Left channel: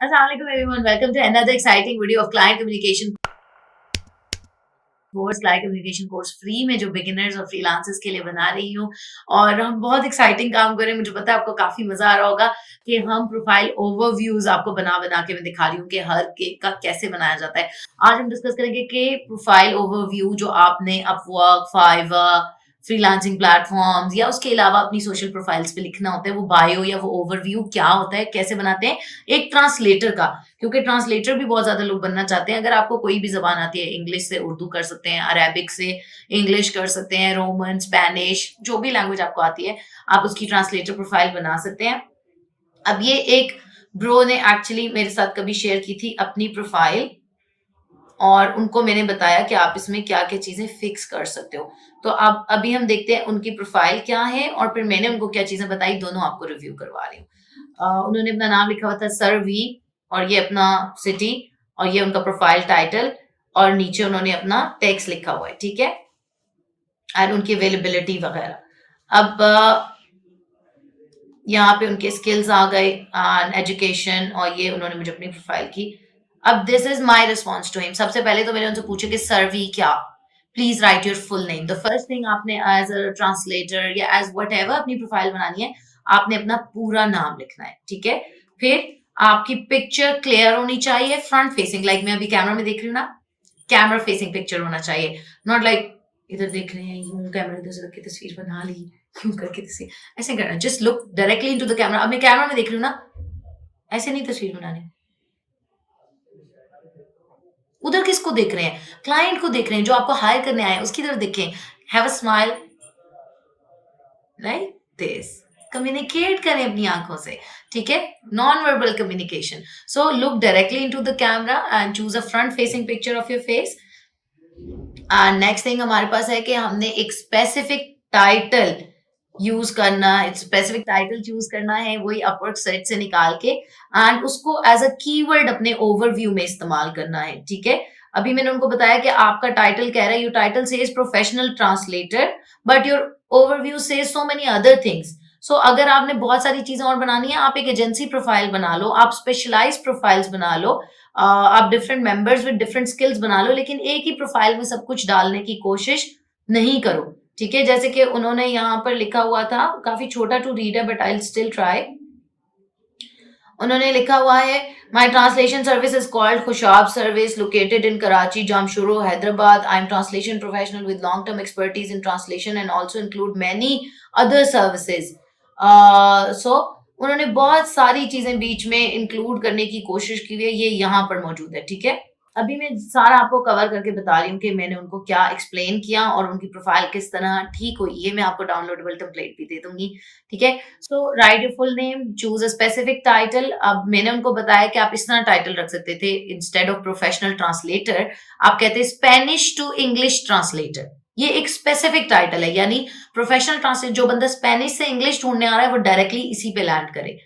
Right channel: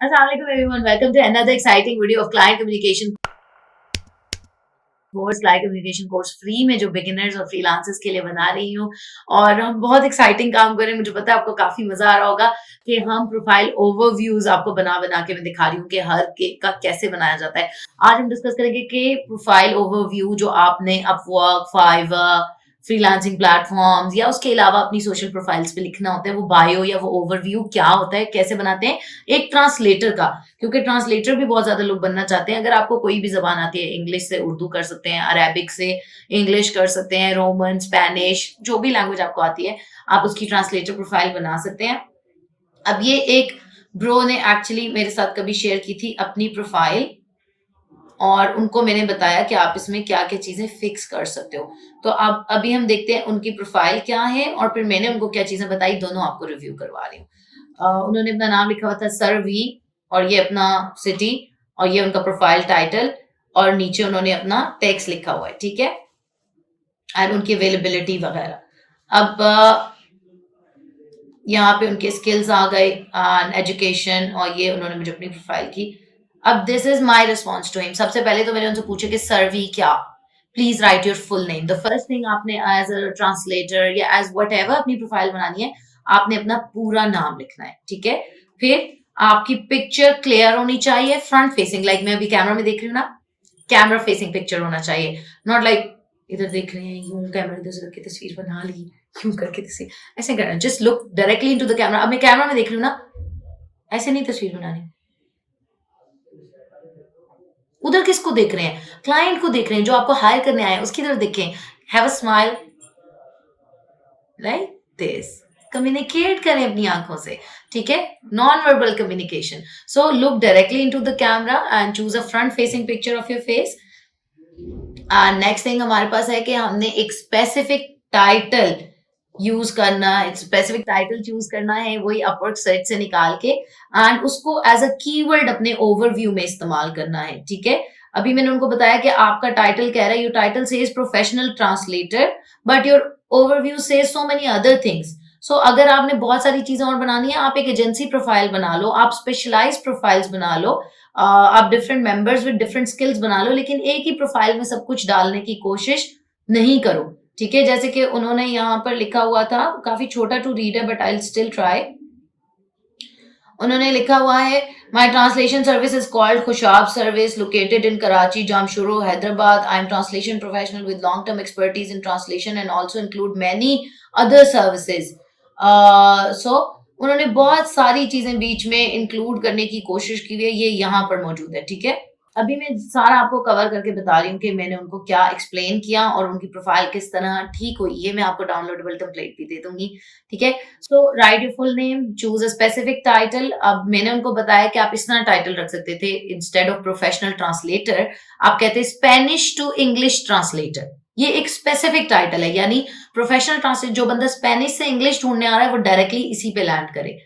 Assalamualaikum everyone. Welcome to another exciting video of client communication course client communication course free में जो beginners और freelancers के लिए बना रही हूँ और हम बहुत एक्साइटिंग काम कर रहे हैं। मुझे पता है आपको काफी मजा आ रहा होगा कि हम प्रोफाइल ओवरव्यूज आपको बना बना के मैं दिखा रही हूँ कि हर के का कैसे बनाया जाता है। आज हम डिस्कस करेंगे कि प्रोफाइल ओवरव्यू जो आपने अपवर्क, फाइवर, फ्रीलांसिंग प्लेटफॉर्म्स या उसके अलावा अपनी सोशल प्रोफाइल्स पे लिखना होता है, वो बायो या वो ओवरव्यू क्या होता है, कैसे बनाते हैं एक ट्रांसलेटर का। क्योंकि ट्रांसलेटर भी बहुत ज्यादा लोग बनना चाहते हैं। अगर आपको कोई भी जबान आती है, इंग्लिश से उर्दू कर सकते हैं, अरेबिक से इंग्लिश कर सकते हैं, रोमन, स्पेनिश, जो भी लैंग्वेज आपको आती है आप उसकी ट्रांसलेटर प्रोफाइल बना सकते हैं। अब ये एक ब्रो ने एक्चुअली मेरे साथ कभी शेयर की थी अपनी प्रोफाइल और उनको मैंने बताया कि आप इसमें क्या-क्या चीज़ें फिक्स कर सकते हो। तो अब अभी हम देखते हैं उनकी प्रोफाइल क्या है और फिर मैंने उनको क्या चीज़ें बताई, दोनों आपको रिव्यू करवा रही हूँ। उन्होंने अपना नाम लिखा हुआ था सर वी और ये अपना सिटी और ये उनका प्रोफाइल टाइटल और नीचे उन्होंने अपना टेक्स्ट लिखा हुआ है, ठीक है? एंड उनकी अवेलेबिलिटी वगैरह। अब यहाँ पे उनके स्किल्स आ गए, एजुकेशन और ये उन्होंने मुझे अपनी प्रोफाइल की। अब this is my response to him. सबसे पहले तो मैंने उनसे पूछा कि सर वी क्या, please write your full name. The first thing आपने एज अ ट्रांसलेटर या एज वट एवर अपनी प्रोफाइल बनानी है, आपने अपना पूरा नाम लिखना है, ठीक है? फिर आपकी पिक्चर क्लियर होनी चाहिए, फ्रंट फेसिंग, लाइक मैं अभी कैमरा में देख रही हूँ ना, कैमरा फेसिंग पिक्चर होना चाहिए। नॉट लाइक इधर देख रहे हैं, यूं कैमरा इधर से रख के तस्वीर बना ली, यूं करके तस्वीर, ऐसे करना। Just look directly into the camera. अब मैं कैमरा में देख रही हूँ ना, ऐसे नहीं तस्वीर बनानी। उधर किसको देख रहे हैं? क्लाइंट को देख रहे हैं, जो आपको हायर करने आए हैं उसकी तरफ देखें। Have a smile like this. Communicate करें अपनी आंखों से, ठीक है? Non verbal communication. So look directly into the camera and choose a front facing picture of your face. Next thing हमारे पास है कि हमने एक स्पेसिफिक टाइटल यूज करना, एक स्पेसिफिक टाइटल चूज करना है, वही अपवर्क सेट से निकाल के, एंड उसको एज अ कीवर्ड अपने ओवरव्यू में इस्तेमाल करना है, ठीक है? अभी मैंने उनको बताया कि आपका टाइटल कह रहा है, your title says professional translator but your overview says so many other things. So अगर आपने बहुत सारी चीजें और बनानी है, आप एक एजेंसी प्रोफाइल बना लो, आप स्पेशलाइज प्रोफाइल्स बना लो, आप different members with different skills बना लो, लेकिन एक ही प्रोफाइल में सब कुछ डालने की कोशिश नहीं करो, ठीक है? जैसे कि उन्होंने यहाँ पर लिखा हुआ था, काफी छोटा टू रीड है but I will still try. उन्होंने लिखा हुआ है, my translation service is called Khushab service located in Karachi, Jamshoro, Hyderabad. I am translation professional with long term expertise in translation and also include many other services. So उन्होंने बहुत सारी चीजें बीच में इंक्लूड करने की कोशिश की हुई है, ये यहाँ पर मौजूद है, ठीक है? अभी मैं सारा आपको कवर करके बता रही हूँ कि मैंने उनको क्या एक्सप्लेन किया और उनकी प्रोफाइल किस तरह ठीक हुई। ये मैं आपको डाउनलोडेबल टेम्पलेट भी दे दूंगी, ठीक है? So write your full name, choose a specific title. अब मैंने उनको बताया कि आप इस तरह टाइटल रख सकते थे, इंस्टेड ऑफ प्रोफेशनल ट्रांसलेटर आप कहते स्पेनिश टू इंग्लिश ट्रांसलेटर। ये एक स्पेसिफिक टाइटल है, यानी प्रोफेशनल ट्रांसलेट, जो बंदा स्पेनिश से इंग्लिश ढूंढने आ रहा है वो डायरेक्टली इसी पे लैंड करे।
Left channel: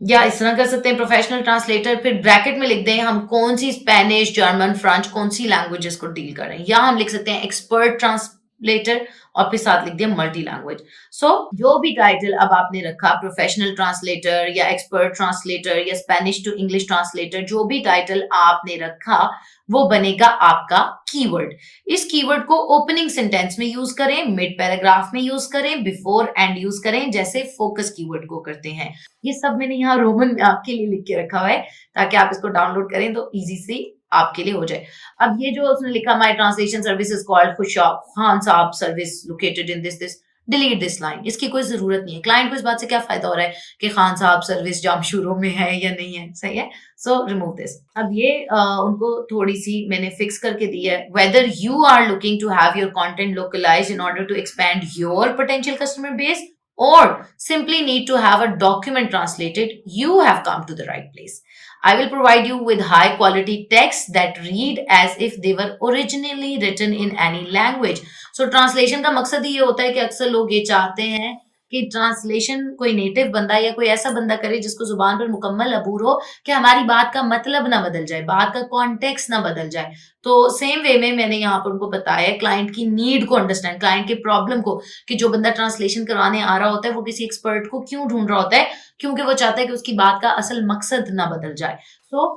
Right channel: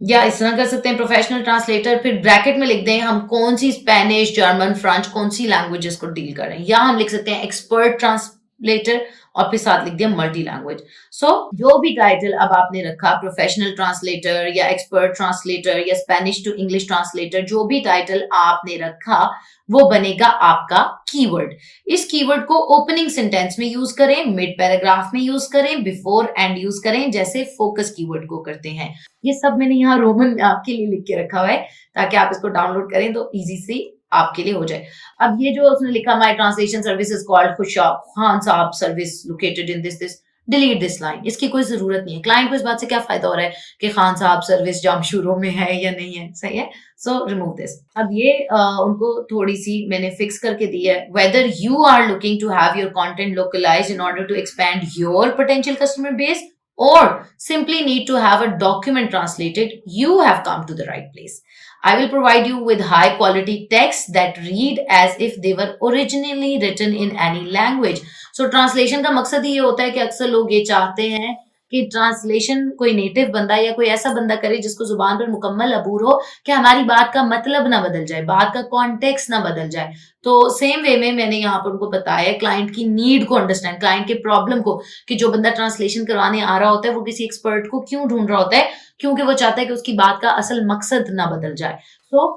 या इस तरह कर सकते हैं, प्रोफेशनल ट्रांसलेटर, फिर ब्रैकेट में लिख दें हम कौन सी स्पेनिश, जर्मन, फ्रेंच, कौन सी लैंग्वेजेस को डील कर रहे हैं, या हम लिख सकते हैं एक्सपर्ट ट्रांसलेटर और फिर साथ लिख दिया मल्टी लैंग्वेज। सो जो भी टाइटल अब आपने रखा, प्रोफेशनल ट्रांसलेटर या एक्सपर्ट ट्रांसलेटर या स्पेनिश टू इंग्लिश ट्रांसलेटर, जो भी टाइटल आपने रखा वो बनेगा आपका कीवर्ड। इस कीवर्ड को ओपनिंग सेंटेंस में यूज करें, मिड पैराग्राफ में यूज करें, बिफोर एंड यूज करें, जैसे फोकस कीवर्ड को करते हैं। ये सब मैंने यहाँ रोमन में आपके लिए लिख के रखा हुआ है ताकि आप इसको डाउनलोड करें तो इजी से आपके लिए हो जाए। अब ये जो उसने लिखा, my translation service is called Khushab Khan Sahab service located in this this, delete this line. इसकी कोई जरूरत नहीं है। क्लाइंट को इस बात से क्या फायदा हो रहा है कि खान साहब सर्विस जामशुरू में है या नहीं है, सही है? So remove this. अब ये उनको थोड़ी सी मैंने फिक्स करके दी है, whether you are looking to have your content localize in order to expand your potential customer base or simply need to have a document translated, you have come to the right place. I will provide you with high quality texts that read as if they were originally written in any language. So translation का मकसद ही ये होता है कि अक्सर लोग ये चाहते हैं कि ट्रांसलेशन कोई नेटिव बंदा या कोई ऐसा बंदा करे जिसको जुबान पर मुकम्मल अबूर हो कि हमारी बात का मतलब ना बदल जाए, बात का कॉन्टेक्स्ट ना बदल जाए। तो सेम वे में मैंने यहाँ पर उनको बताया क्लाइंट की नीड को अंडरस्टैंड, क्लाइंट के प्रॉब्लम को, कि जो बंदा ट्रांसलेशन करवाने आ रहा होता है वो किसी एक्सपर्ट को क्यों ढूंढ रहा होता है, क्योंकि वो चाहता है कि उसकी बात का असल मकसद ना बदल जाए। तो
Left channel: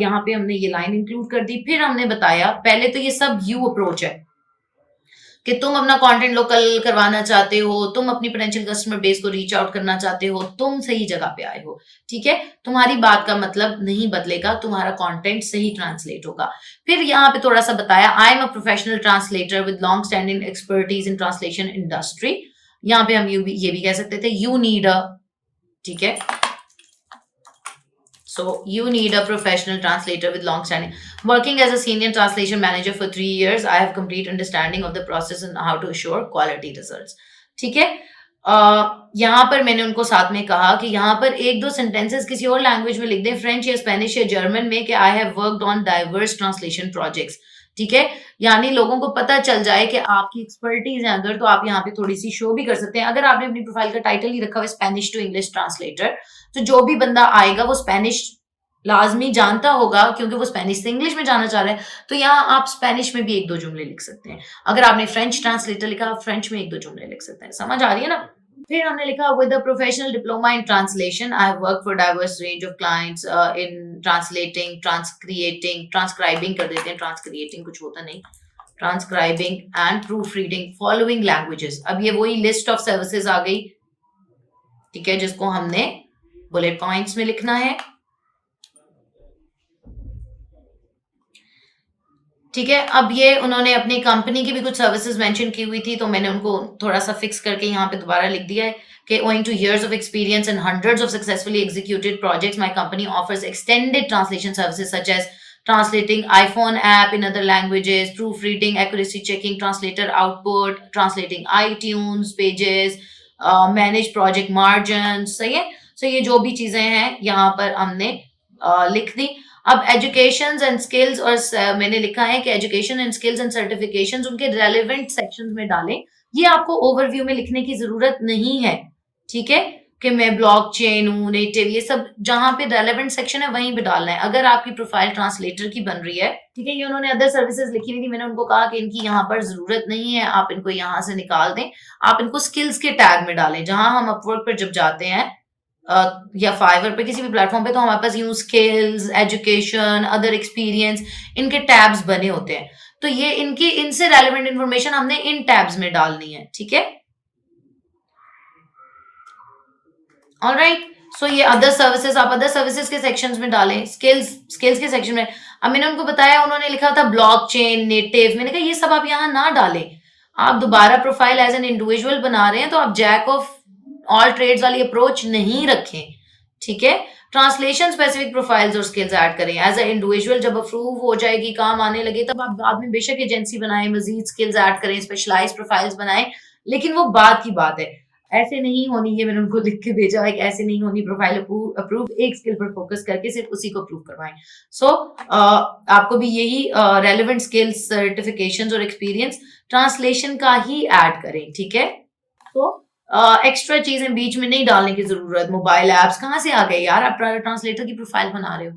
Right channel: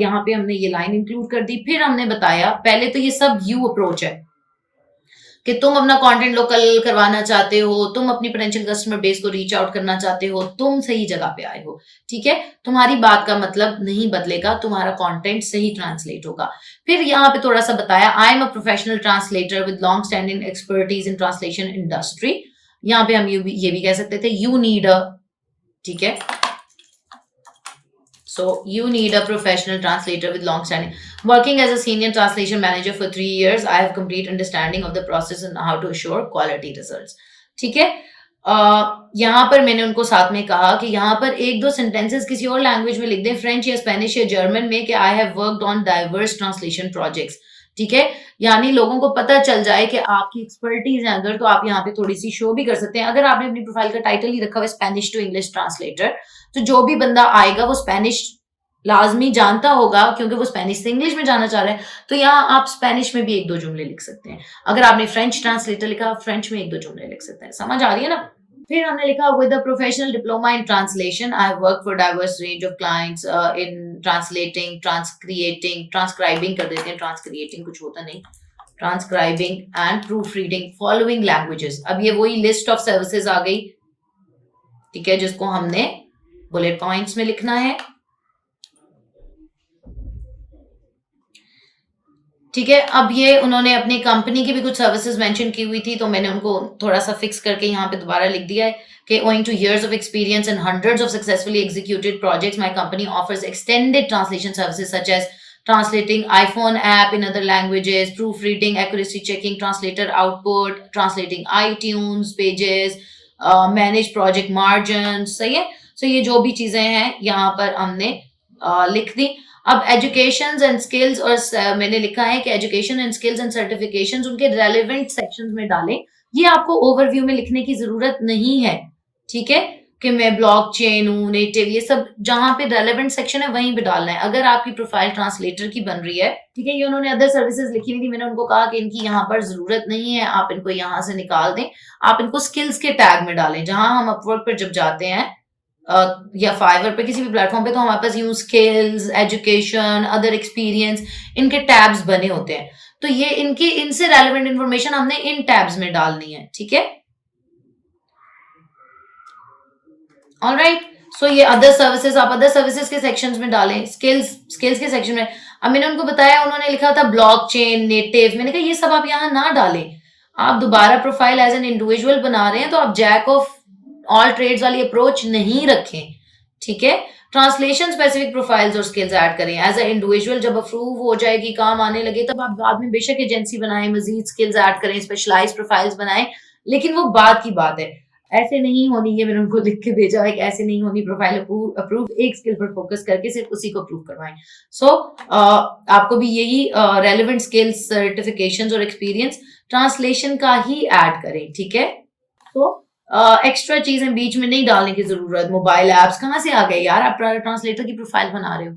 यहाँ पे हमने ये लाइन इंक्लूड कर दी। फिर हमने बताया, पहले तो ये सब यू अप्रोच है कि तुम अपना कंटेंट लोकल करवाना चाहते हो, तुम अपनी पोटेंशियल कस्टमर बेस को रीच आउट करना चाहते हो, तुम सही जगह पे आए हो, ठीक है। तुम्हारी बात का मतलब नहीं बदलेगा, तुम्हारा कंटेंट सही ट्रांसलेट होगा। फिर यहाँ पे थोड़ा सा बताया, I am a professional translator with long standing expertise in translation industry. यहाँ पे हम ये भी कह सकते थे, यू नीड अ, ठीक है, so you need a professional translator with long standing. Working as a senior translation manager for 3 years, I have complete understanding of the process and how to assure quality results. ठीक है। यहाँ पर मैंने उनको साथ में कहा कि यहाँ पर एक दो सेंटेंसेस किसी और लैंग्वेज में लिख दें, फ्रेंच या स्पेनिश या जर्मन में, कि I have worked on diverse translation projects, ठीक है। यानी लोगों को पता चल जाए कि आपकी एक्सपर्टीज है अगर, तो आप यहाँ पे थोड़ी सी शो भी कर सकते हैं। अगर आपने अपनी प्रोफाइल का टाइटल ही रखा हुआ स्पेनिश टू इंग्लिश ट्रांसलेटर, तो जो भी बंदा आएगा वो स्पेनिश लाजमी जानता होगा, क्योंकि वो स्पेनिश से इंग्लिश में जाना चाह रहे हैं। तो यहाँ आप स्पेनिश में भी एक दो जुमले लिख सकते हैं। अगर आपने फ्रेंच ट्रांसलेटर लिखा, आप फ्रेंच में एक दो जुमले लिख सकते हैं। समझ आ रही है ना। फिर हमने लिखा, with a professional diploma in translation I have work for diverse range of clients in translating, transcreating, transcribing कर देते हैं, ट्रांसक्रिएटिंग कुछ होता नहीं, transcribing and proof reading following languages. अब ये वही लिस्ट ऑफ सर्विसेज आ गई, ठीक है, जिसको हमने बुलेट पॉइंट्स में लिखना है, ठीक है। अब ये उन्होंने अपनी कंपनी की भी कुछ सर्विसेज मेंशन की हुई थी, तो मैंने उनको थोड़ा सा फिक्स करके यहाँ पे दोबारा लिख दिया है कि owing to years of experience and hundreds of successfully executed projects, my company offers extended translation services such as translating iPhone app in other languages, proofreading, accuracy checking, translator output, translating iTunes pages, manage project margins। सही है। So ये जो भी चीजें हैं यहाँ पर हमने लिख दी। अब एजुकेशन एंड स्किल्स, और मैंने लिखा है कि education and skills and certifications उनके रेलेवेंट सेक्शंस में डालें। ये आपको ओवरव्यू में लिखने की जरूरत नहीं है, ठीक है, कि मैं ब्लॉकचेन हूँ, नेटिव, ये सब जहां पे रेलेवेंट सेक्शन है वहीं पे डालना है। अगर आपकी प्रोफाइल ट्रांसलेटर की बन रही है, ठीक है, ये उन्होंने अदर सर्विसेज लिखी हुई थी, मैंने उनको कहा कि इनकी यहाँ पर जरूरत नहीं है, आप इनको यहाँ से निकाल दें, आप इनको स्किल्स के टैग में डालें। जहां हम अपवर्क पर जब जाते हैं या फाइवर पे, किसी भी प्लेटफॉर्म पे, तो हमारे पास यूं स्किल्स, एजुकेशन, अदर एक्सपीरियंस, इनके टैब्स बने होते हैं। तो ये इनकी, इनसे रेलेवेंट इंफॉर्मेशन हमने इन टैब्स में डालनी है, ठीक है। ऑलराइट, सो ये अदर सर्विसेज, आप अदर सर्विसेज के सेक्शंस में डालें, स्किल्स के सेक्शन में। अब मैंने उनको बताया, उन्होंने लिखा था ब्लॉकचेन, नेटिव, मैंने कहा ये सब आप यहाँ ना डालें। आप दोबारा प्रोफाइल एज एन इंडिविजुअल बना रहे हैं, तो आप जैक ऑफ ऑल ट्रेड्स वाली अप्रोच नहीं रखें, ठीक है। ट्रांसलेशन स्पेसिफिक प्रोफाइल्स और स्किल्स ऐड करें एज ए इंडिविजुअल। जब अप्रूव हो जाएगी, काम आने लगे, तब आप बाद में बेशक एजेंसी बनाएं, मजीद स्किल्स ऐड करें, स्पेशलाइज्ड प्रोफाइल्स बनाएं, लेकिन वो बात की बात है, ऐसे नहीं होनी। ये मैंने उनको लिख के भेजा है कि ऐसे नहीं होनी प्रोफाइल अप्रूव, एक स्किल पर फोकस करके सिर्फ उसी को अप्रूव करवाएं। सो आपको भी यही रेलेवेंट स्किल्स, सर्टिफिकेशंस और एक्सपीरियंस ट्रांसलेशन का ही ऐड करें, ठीक है। तो एक्स्ट्रा चीजें बीच में नहीं डालने की जरूरत। मोबाइल एप्स कहाँ से आ गए यार, आप ट्रांसलेटर की प्रोफाइल बना रहे हो,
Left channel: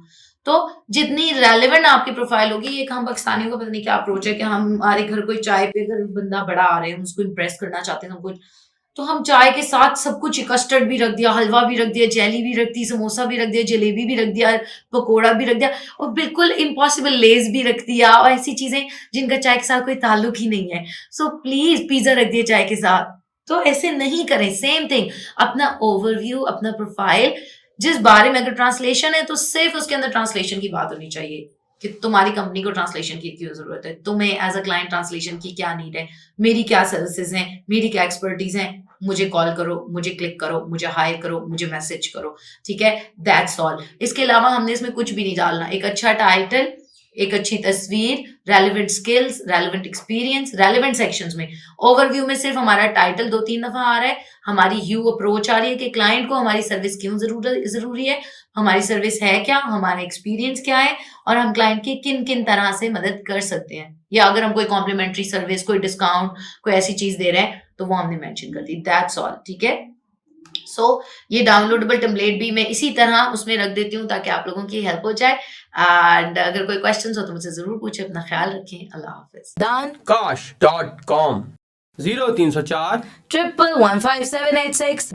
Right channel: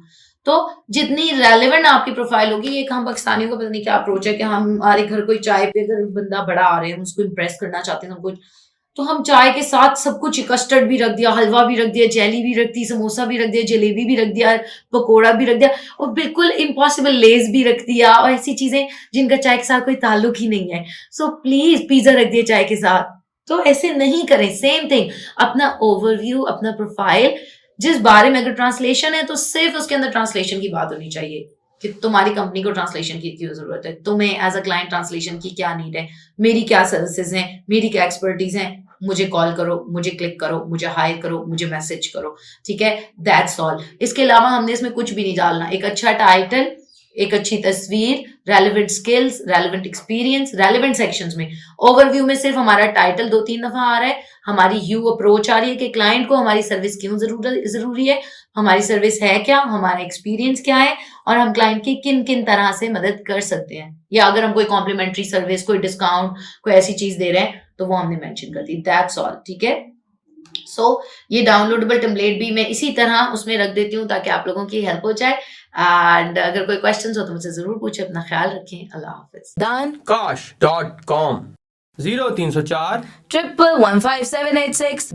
तो जितनी रेलेवेंट आपकी प्रोफाइल होगी। एक हम पाकिस्तानियों का पता नहीं क्या अप्रोच है कि हमारे घर कोई चाय पे अगर बंदा बड़ा आ रहे हैं, हम उसको इम्प्रेस करना चाहते हैं सब कुछ, तो हम चाय के साथ सब कुछ, कस्टर्ड भी रख दिया, हलवा भी रख दिया, जेली भी रख दी, समोसा भी रख दिया, जलेबी भी रख दिया, पकोड़ा भी रख दिया, और बिल्कुल इम्पॉसिबल लेस भी रख दिया, और ऐसी चीजें जिनका चाय के साथ कोई ताल्लुक ही नहीं है। सो प्लीज पिज्जा रख दिया चाय के साथ, तो ऐसे नहीं करें। सेम थिंग, अपना ओवरव्यू, अपना प्रोफाइल, जिस बारे में अगर ट्रांसलेशन है तो सिर्फ उसके अंदर ट्रांसलेशन की बात होनी चाहिए कि तुम्हारी कंपनी को ट्रांसलेशन की क्यों जरूरत है, तुम्हें एज अ क्लाइंट ट्रांसलेशन की क्या नीड है, मेरी क्या सर्विसेज हैं, मेरी क्या एक्सपर्टीज हैं, मुझे कॉल करो, मुझे क्लिक करो, मुझे हायर करो, मुझे मैसेज करो, ठीक है। That's all. इसके अलावा हमने इसमें कुछ भी नहीं डालना। एक अच्छा टाइटल, एक अच्छी तस्वीर, relevant skills, relevant experience, relevant sections में। ओवरव्यू में सिर्फ हमारा टाइटल 2-3 दफा आ रहा है, हमारी यू अप्रोच आ रही है कि क्लाइंट को हमारी सर्विस क्यों जरूरी है, हमारी सर्विस है क्या, हमारा एक्सपीरियंस क्या है, और हम क्लाइंट की किन किन तरह से मदद कर सकते हैं, या अगर हम कोई कॉम्प्लीमेंट्री सर्विस, कोई डिस्काउंट, कोई ऐसी चीज दे रहे हैं तो वो हमने मेंशन कर दी। दैट्स ऑल, ठीक है। सो ये डाउनलोडेबल टेम्पलेट भी मैं इसी तरह उसमें रख देती हूँ ताकि आप लोगों की हेल्प हो जाए। एंड अगर कोई क्वेश्चंस हो तो मुझसे ज़रूर पूछें। अपना ख्याल रखें। अल्लाह हाफिज़। dankash.com 0304 1115786